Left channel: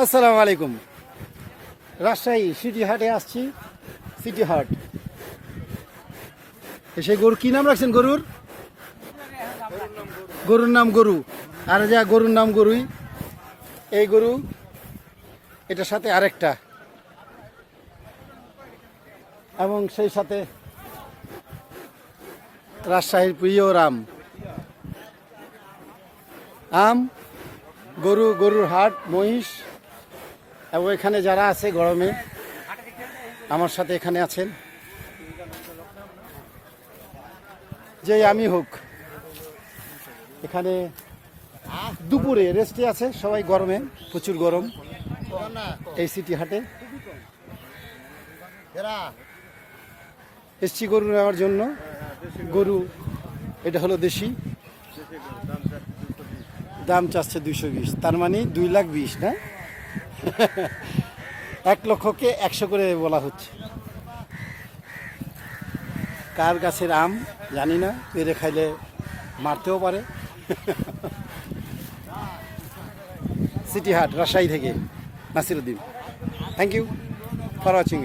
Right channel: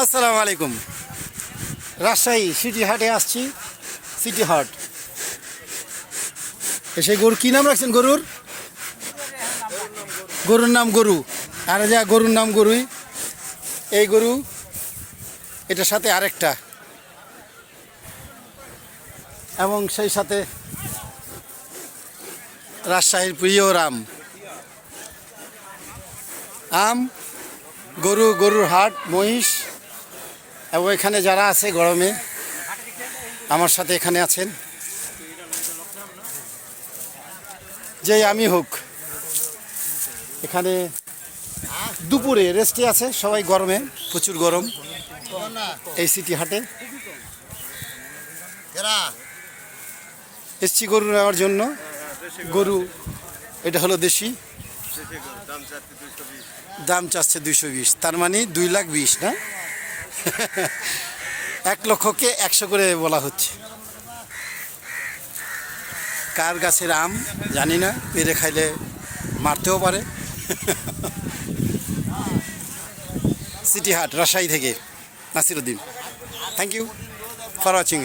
আসসালামু আলাইকুম। রাজশাহী সিটি হাটে আসছি। সিটি হাট। সেই গরু, কি নাম রাখছেন গরুর? গরুর নাম গরু। আর যা, গরুর নাম গরুই। এই গরু, এটার সাথে আরেকটা। এবং সেই সাথে রাজশাহীর প্রিয় রাম। আম, গরু, গরুর হাট, মহিষ। এবং এখানে যারা আছে গরমে, আমার সাথে এখানে আছেন। যেই আমি হোক, এখানে দুপুরে রেস্টে আছে সবাই গরমে, প্রচুর গরম এই সিটি হাটে। এসছি গরু নেওয়ার জন্য। গরু, এটা হলো দেশি। দাম চাচ্ছে দুইশো বিশ। তার মানে দুই লাখ বিশ, না? এক লক্ষকে একশো করে বলা হচ্ছে। কার গাছের আম জানি না, পেরে খাইলে মারতেও পারে। সিটি হাট, রাজশাহী থেকে Nasiruddin. Thank you for watching